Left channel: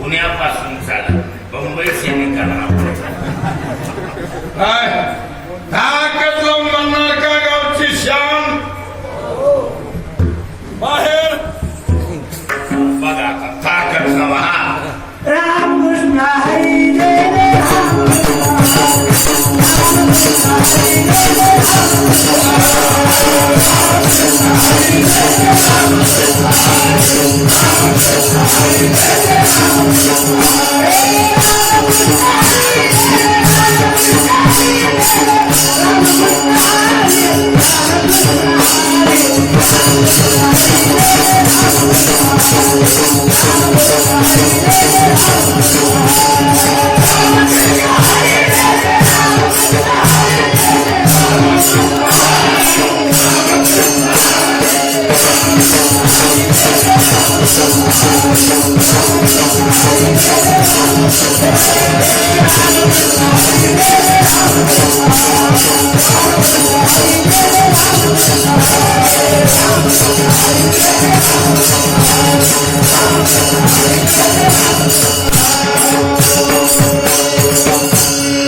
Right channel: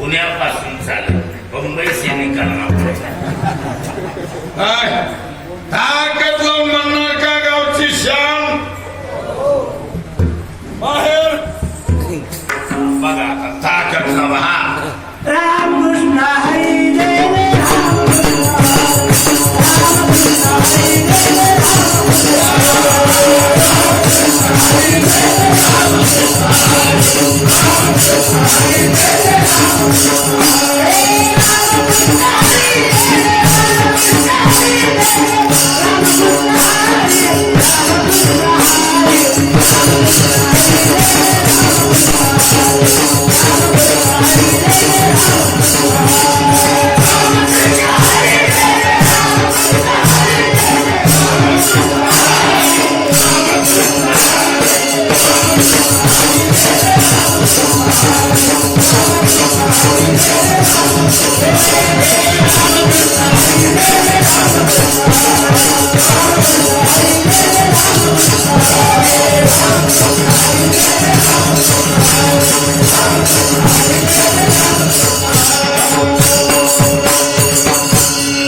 पुण्यापासून चालत Mumbai I'm gonna make sorry, I'm Thank you.